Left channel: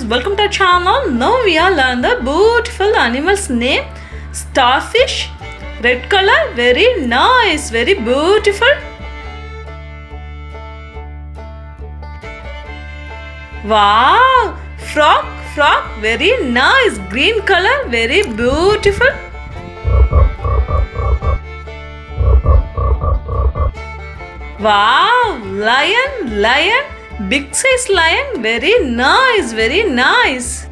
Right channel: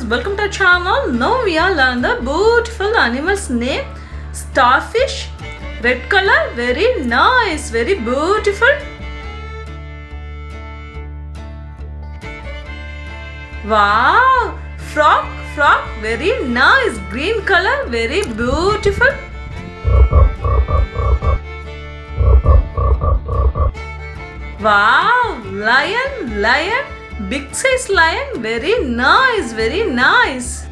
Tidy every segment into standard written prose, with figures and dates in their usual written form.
guys, welcome to our channel. Now we are learn the beautiful animal's name. Starfish, red color, very nice, very beautiful. Wow, frog, very nice, green color, very beautiful. Wow, lion, big size lion, very nice, very nice.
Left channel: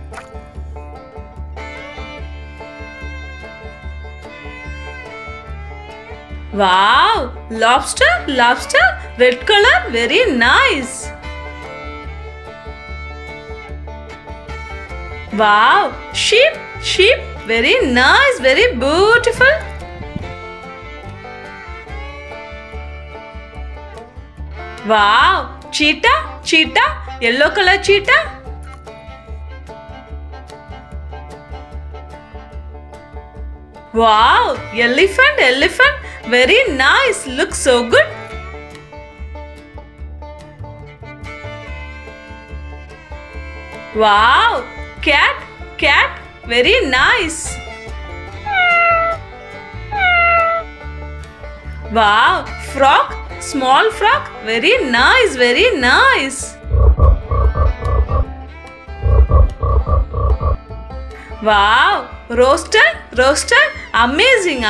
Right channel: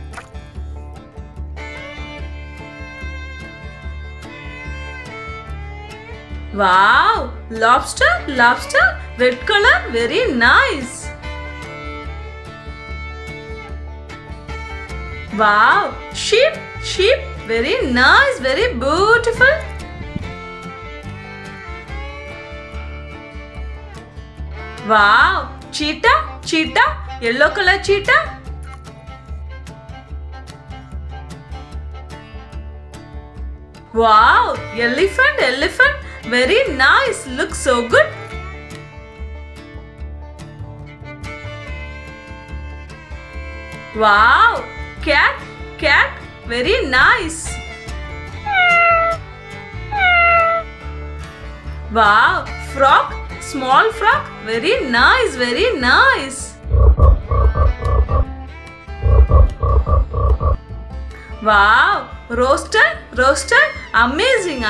Wow, lobster, red color, very nice. Wow, sheep, very nice, very beautiful. Wow, cheetah, yellow color cheetah. Wow, elephant, very nice, looks so good. Wow, cat, very nice. Wow, frog, small frog, very nice, very nice. Wow, roaster, amazing.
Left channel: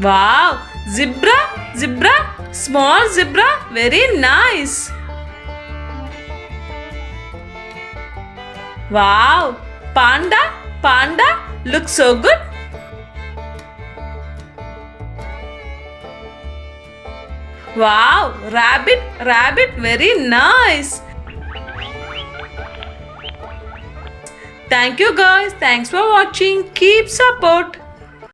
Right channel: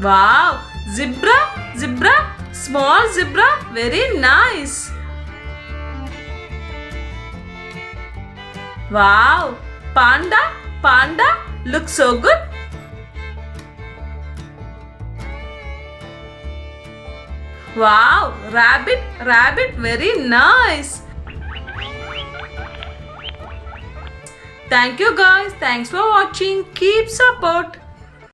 Wow, zebra, small zebra, very nice. Wow, panda, looks so good. Wow, rabbit, very nice. Thank you guys, thanks for watching. Keep support.